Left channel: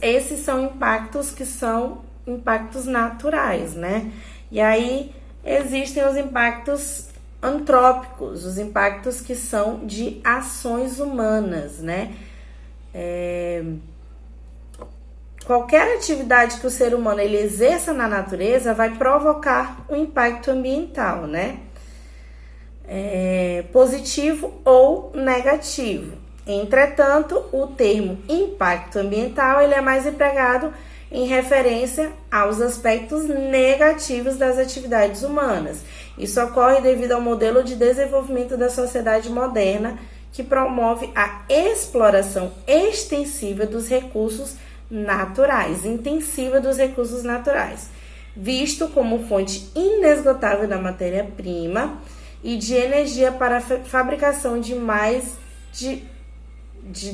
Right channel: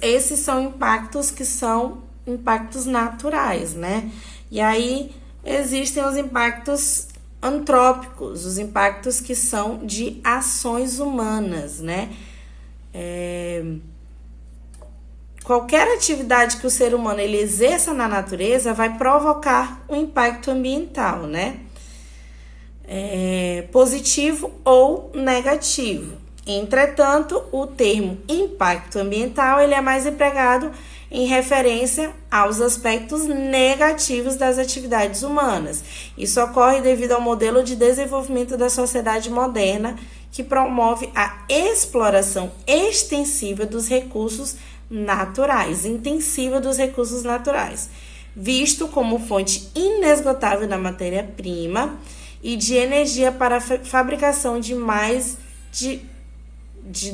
Esses são impactos que são impactos naturais, né? E aí existem os impactos antrópicos, os impactos que são de ações humanas, né? Qualquer atividade que o ser humano ele exerça na natureza vai provocar um impacto ambiental, né? Positivo ou negativo. Entretanto, o termo impacto ambiental ele é mais empregado em referência aos aspectos negativos das atividades humanas. Isso ocorre devido ao modelo de desenvolvimento da sociedade moderna, que promove a exploração extensiva dos recursos naturais, intensiva dos recursos naturais, visto como fonte inesgotável da matéria-prima e de energia para a fabricação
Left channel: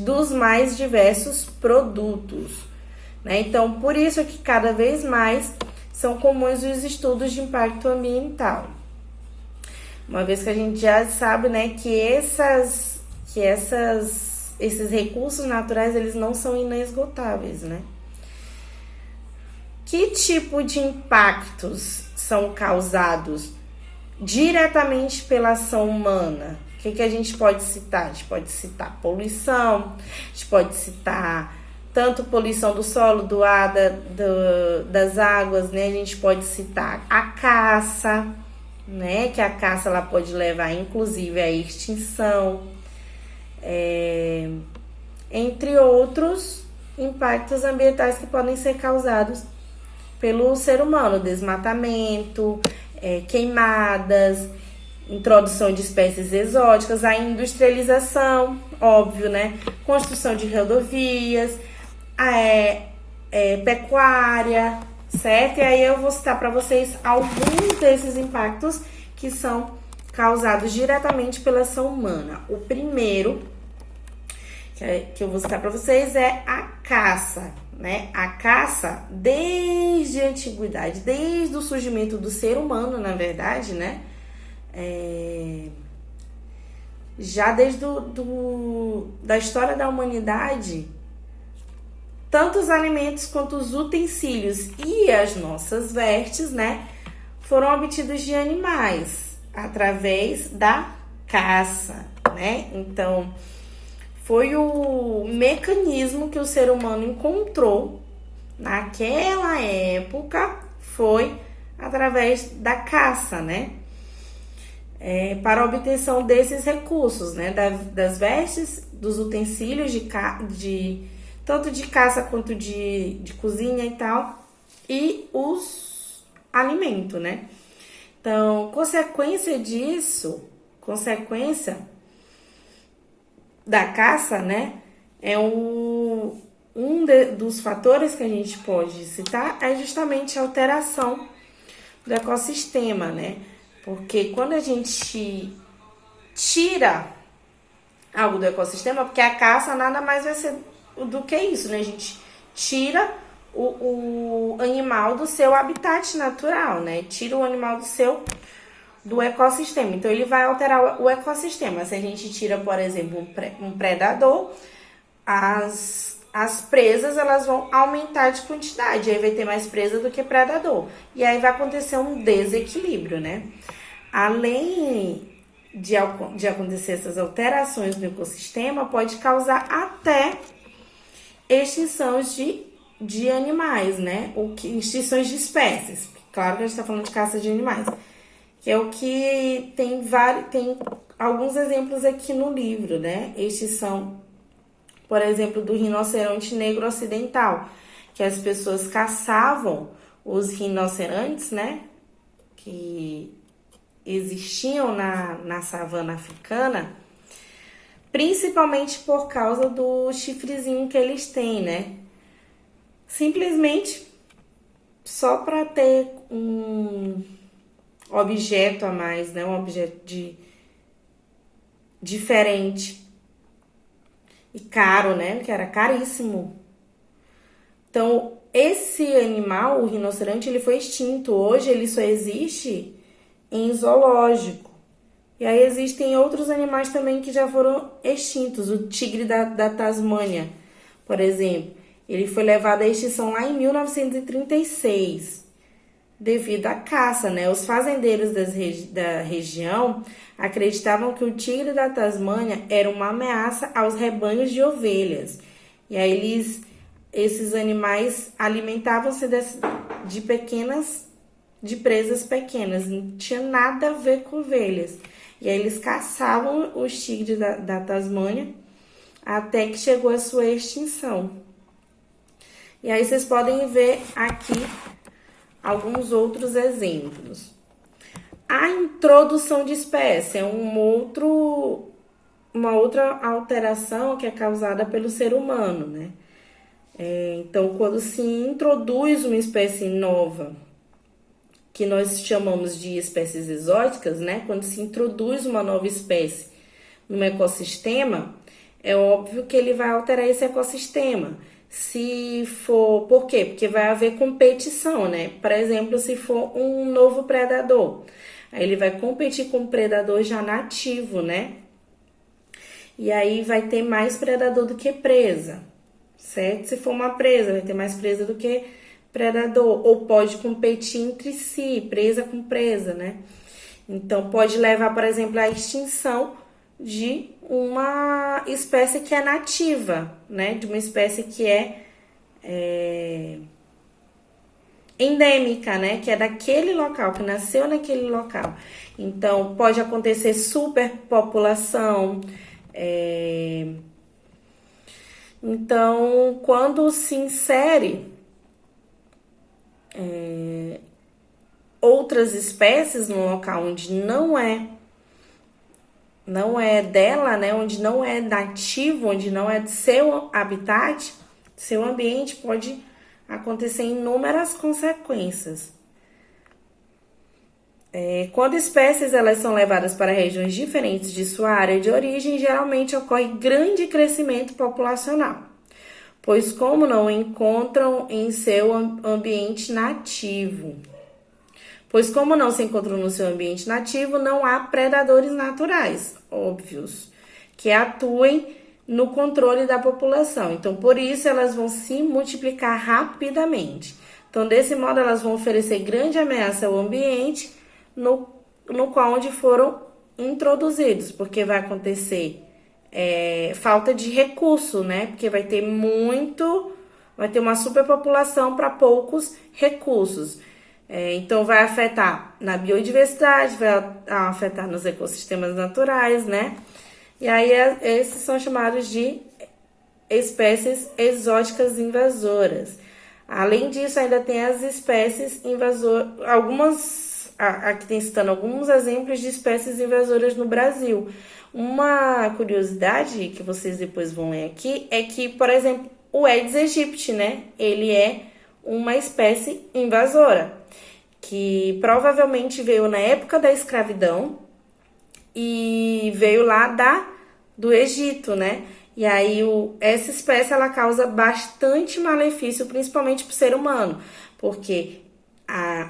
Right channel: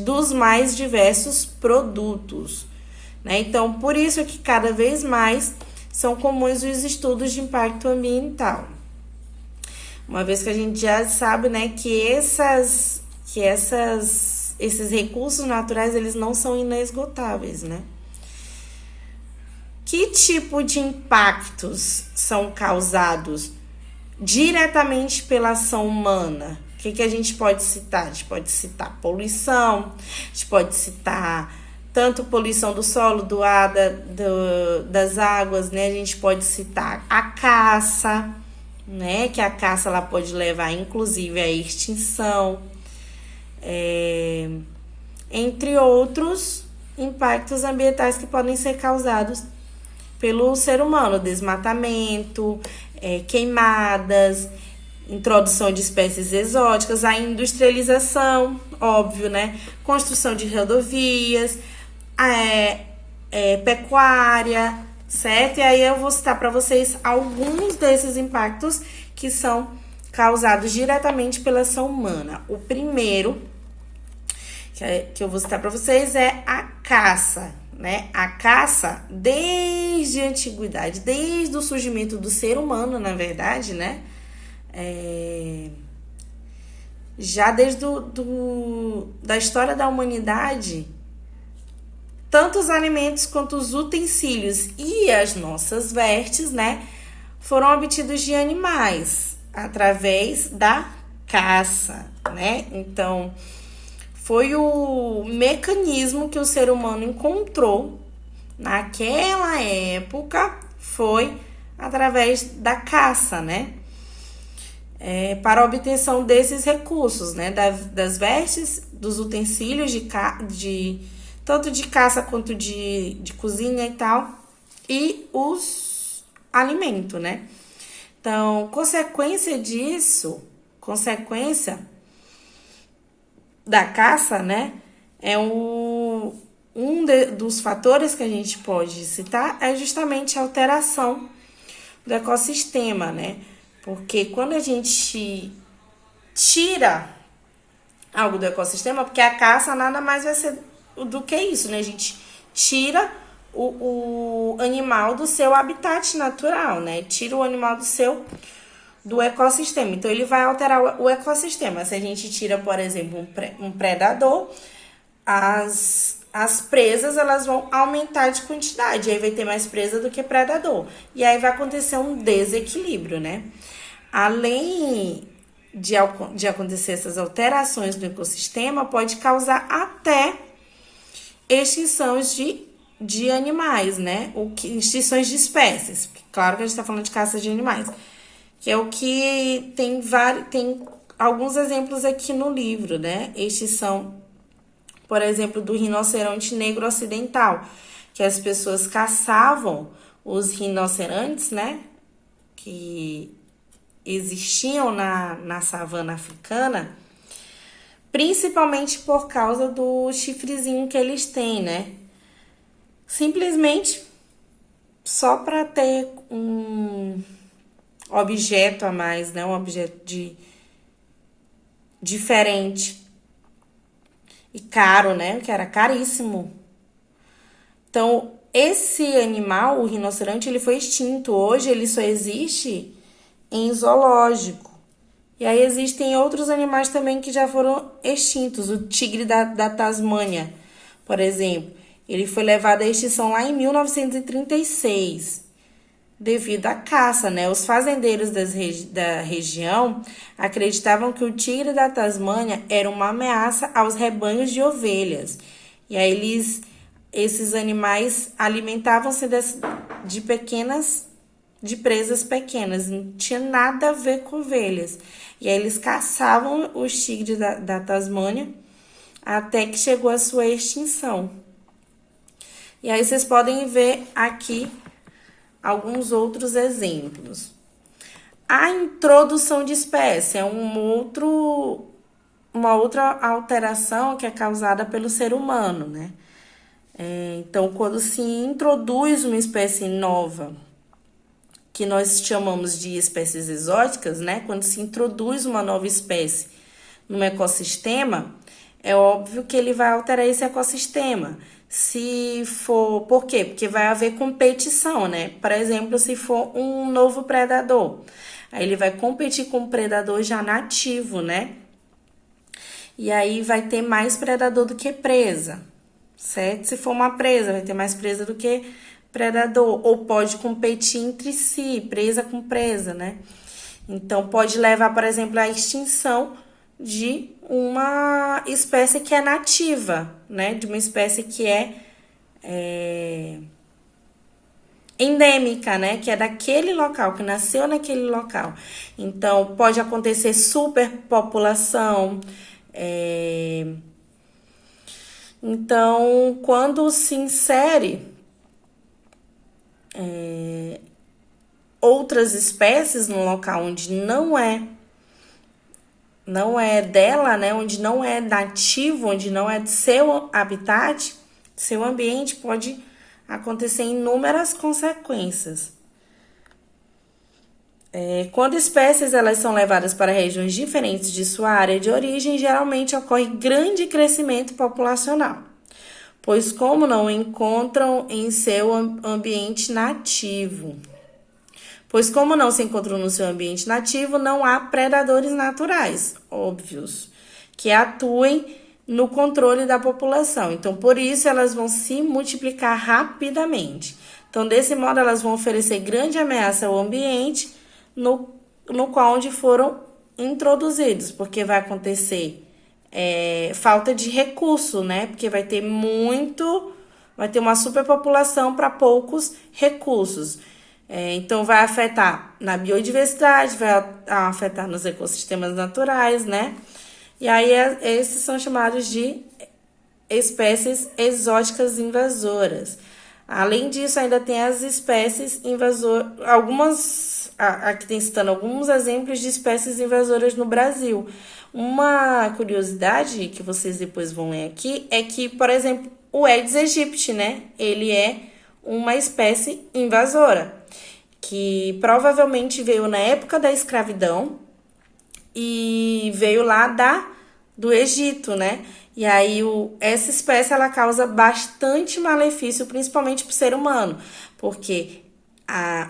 dos mais diversos produtos, né? Então, por isso que cada vez mais são comuns os estudos de impacto ambiental. Uma vez que a gente já sabe, né, que esses recursos naturais, eles não são inesgotáveis, né? Que tipo de impactos são causados diretamente pela ação humana? O que a gente pode citar? A gente pode citar poluição, a gente pode citar tanto poluição do solo, do ar, das águas, né? A gente pode citar a caça, né? Que a caça ela pode levar, inclusive, à extinção, entre outros impactos ambientais que podem ser causados pelo ser humano, desmatamento, queimadas, introdução de espécies exóticas, a industrialização, óbvio, né? Construção de rodovias, pecuária, certo? E aí eu vou citar para vocês alguns desses impactos que são causados diretamente pela ação humana. O primeiro que eu vou citar para vocês é a caça, né? A caça, desde a antiguidade, desde o surgimento do ser humano, na verdade, né? Já desde da história da humanidade, tanto os alimentos quanto os utensílios e as nossas vestes, né, foram obtidos de animais através da caça, né? Então, foi o mecanismo que o ser humano encontrou naquela época, foi através da caça, né? Para a obtenção desses recursos, né? Das vestes, dos utensílios tanto de caça quanto de cozinha e tal, e os alimentos, né? Então, consequência da caça, né? Dos fatores que a gente pode citar é justamente a alteração do ecossistema, né? Porque quando a gente tira algo do ecossistema, porque a caça nada mais vai ser do que isso, né? A gente tira o animal do seu habitat natural, né? Tira o animal do ecossistema. Então, ele vai alterar o ecossistema. Se a gente tira, por exemplo, um predador, as presas, elas vão aumentar de quantidade. Aí vai ter mais presa do que predador. E aí vai acontecer um desequilíbrio, né? Além de acontecer essas alterações no ecossistema, pode causar até extinções de animais, né? Extinções de espécies. Claro que a gente está falando de caça de animais. Que é o que tem alguns exemplos aqui no livro, né? Extinção, por exemplo, do rinoceronte negro ocidental, que as pessoas caçavam os rinocerontes, né? Que existiam na savana africana, principalmente por causa do chifrezinho que eles têm, né? Simplesmente só para ter um objeto a mais, né? Um objeto diferente e caro, né? Que era caríssimo. Então, esse animal, o rinoceronte, ele foi extinto. Hoje ele só existe em zoológico. E aí existem outros animais também que já foram extintos. O tigre da Tasmânia, por exemplo. Ele foi levado à extinção lá em 1936, devido à caça, né? Os fazendeiros da região acreditavam que o tigre da Tasmânia era uma ameaça aos rebanhos de ovelhas. E aí esses animais alimentavam-se de presas pequenas, não tinha nada a ver com ovelhas. E aí eles caçavam os tigres da Tasmânia até que chegou a sua extinção. E aí vocês podem ver aqui alguns outros exemplos. A introdução de espécie é uma outra alteração que é causada pelo ser humano, né? Então, quando se introduz uma espécie nova, que nós chamamos de espécies exóticas, né? Quando se introduz uma nova espécie no ecossistema, é óbvio que ele vai alterar esse ecossistema. Por quê? Porque vai haver competição, né? Por exemplo, se for um novo predador, aí ele vai competir com o predador já nativo, né? E aí vai ter mais predador do que presa, certo? Se for uma presa, vai ter mais presa do que predador, ou pode competir entre si, presa com presa, né? Então, pode levar, por exemplo, à extinção de uma espécie que é nativa, né? De uma espécie que é endêmica, né? Que é daquele local, que nasceu naquele local. Então, pode acontecer superpopulação. Então, quando se insere outras espécies no local onde não é dela, né? Onde não é nativo, onde não é de seu habitat, seu ambiente, pode acontecer inúmeras consequências. Quando espécies elas são levadas para regiões diferentes de sua área de origem, geralmente ocorre grande crescimento populacional, pois como não encontram em seu ambiente nativo. Pois como não se encontram no seu ambiente nativo, não há predadores naturais, óbvios, que atuem no controle da população. Então, por isso, elas vão se multiplicar rapidamente. Então, desse modo, elas vão oferecer grande ameaça ao ambiente no qual onde foram introduzidos, porque vai acontecer falta de recurso, né? Porque vai ter uma superpopulação para poucos recursos. Então, vai afetar na biodiversidade, vai afetar nos ecossistemas naturais, né? E aí, esses são chamados de espécies exóticas invasoras. Além disso, ainda tem as espécies invasoras, aqui tem citando alguns exemplos de espécies invasoras no Brasil. Uma curiosidade que vocês depois vão ler aqui é que, por exemplo, o Aedes aegypti, né? Ele é uma espécie invasora, que provavelmente veio na época da escravidão e veio lá do Egito, né? E aí essa espécie ela causa bastante malefício, principalmente para o ser humano, porque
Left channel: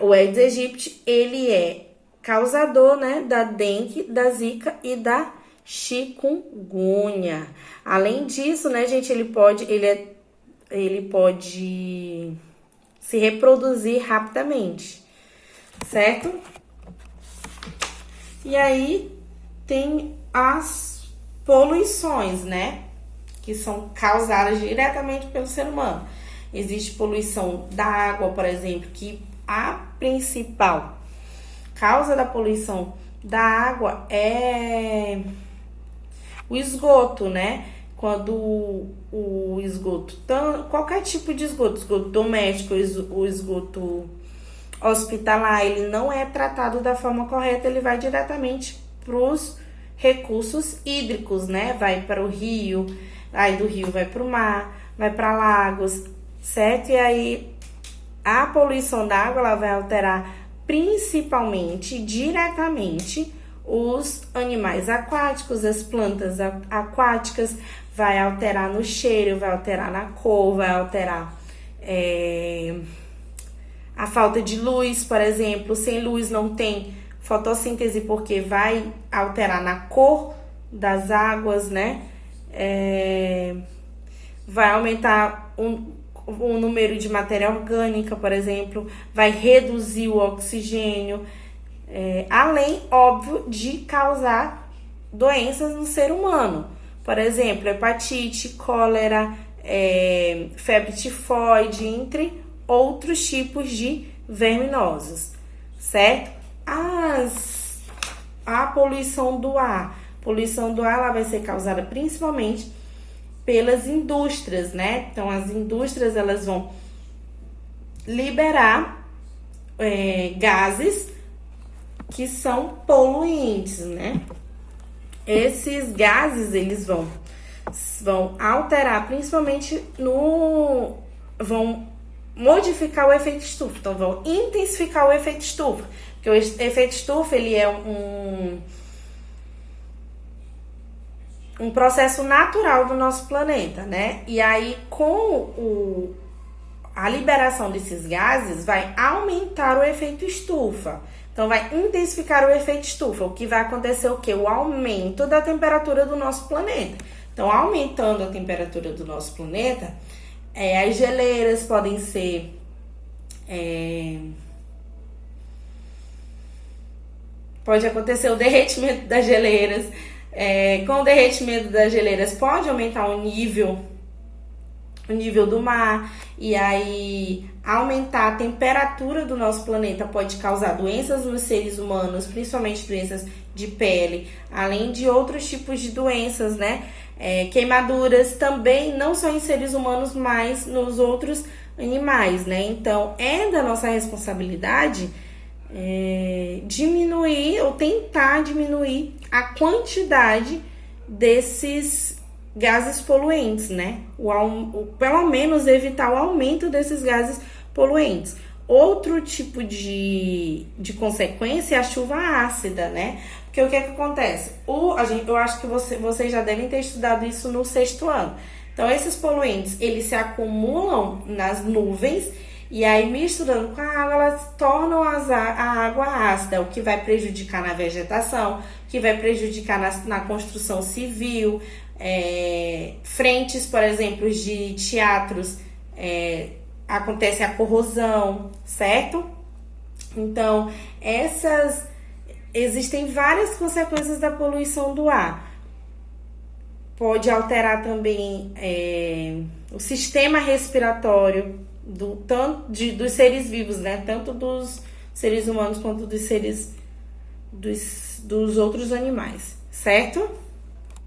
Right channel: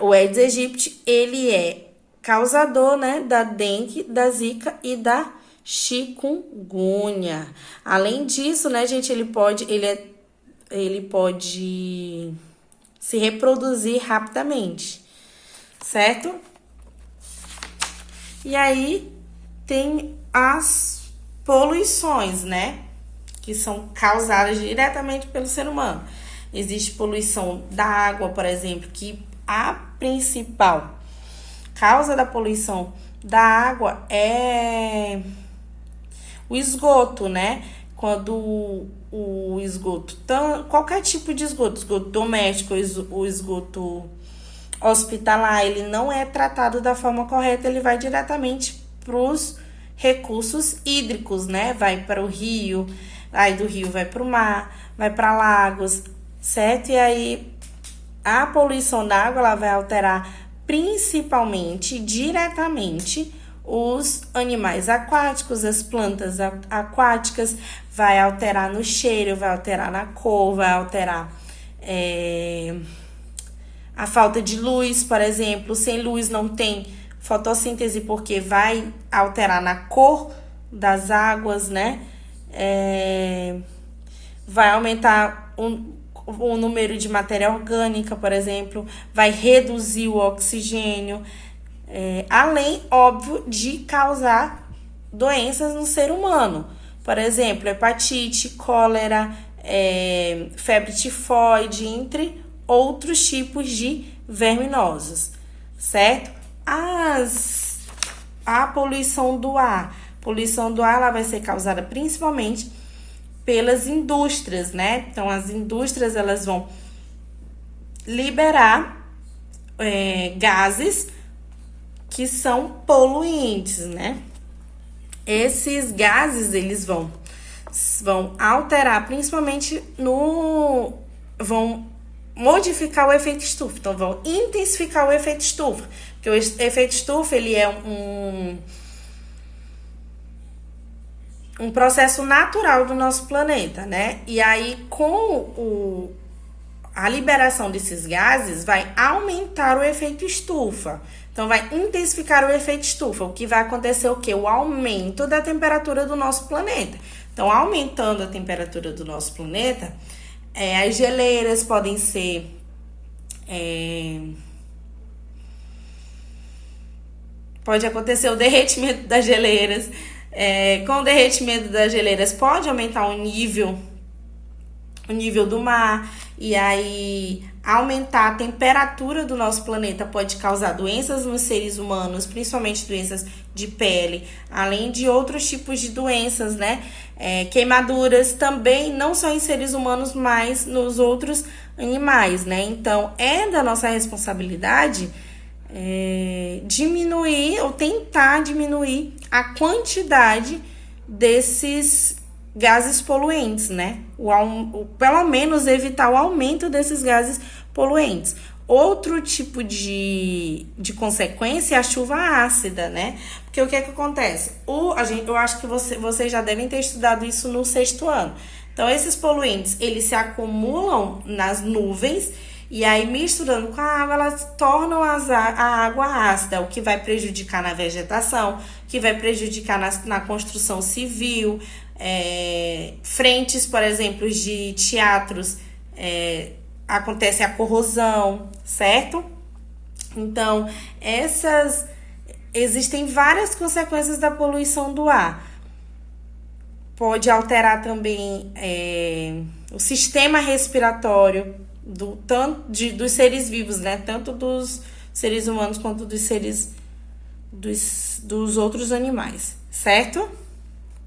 o Aedes aegypti ele é causador, né, da dengue, da zika e da chikungunya. Além disso, né, gente, ele pode se reproduzir rapidamente, certo? E aí tem as poluições, né? Que são causadas diretamente pelo ser humano. Existe poluição da água, por exemplo, que a principal causa da poluição da água é o esgoto, né? Quando o esgoto, qualquer tipo de esgoto doméstico, o esgoto hospitalar, ele não é tratado da forma correta, ele vai diretamente para os recursos hídricos, né? Vai para o rio, aí do rio vai para o mar, vai para lagos, certo? E aí a poluição da água ela vai alterar principalmente, diretamente, os animais aquáticos, as plantas aquáticas, vai alterar no cheiro, vai alterar na cor, vai alterar a falta de luz, por exemplo. Sem luz não tem fotossíntese, porque vai alterar na cor das águas, né? Vai aumentar o número de matéria orgânica, por exemplo, vai reduzir o oxigênio, além, óbvio, de causar doenças no ser humano. Por exemplo, hepatite, cólera, febre tifoide, entre outros tipos de verminoses, certo? A poluição do ar. Poluição do ar ela vai ser causada principalmente pelas indústrias, né? Então, as indústrias elas vão liberar gases que são poluentes, né? Esses gases, eles vão alterar, principalmente vão modificar o efeito estufa. Então, vão intensificar o efeito estufa. Porque o efeito estufa, ele é um processo natural do nosso planeta, né? E aí, com a liberação desses gases, vai aumentar o efeito estufa. Então, vai intensificar o efeito estufa. O que vai acontecer o quê? O aumento da temperatura do nosso planeta. Então, aumentando a temperatura do nosso planeta, as geleiras podem ser... pode acontecer o derretimento das geleiras. Com o derretimento das geleiras, pode aumentar o nível do mar, e aí aumentar a temperatura do nosso planeta pode causar doenças nos seres humanos, principalmente doenças de pele, além de outros tipos de doenças, né? Queimaduras também, não só em seres humanos, mas nos outros animais, né? Então, é da nossa responsabilidade diminuir ou tentar diminuir a quantidade desses gases poluentes, né? Pelo menos evitar o aumento desses gases poluentes. Outro tipo de consequência é a chuva ácida, né? Porque o que é que acontece? Eu acho que vocês já devem ter estudado isso no 6º ano. Então, esses poluentes, eles se acumulam nas nuvens e aí, misturando com a água, elas tornam a água ácida, o que vai prejudicar na vegetação, que vai prejudicar na construção civil, frentes, por exemplo, de teatros, acontece a corrosão, certo? Então, existem várias consequências da poluição do ar. Pode alterar também o sistema respiratório dos seres vivos, né? Tanto dos seres humanos quanto dos outros animais, certo?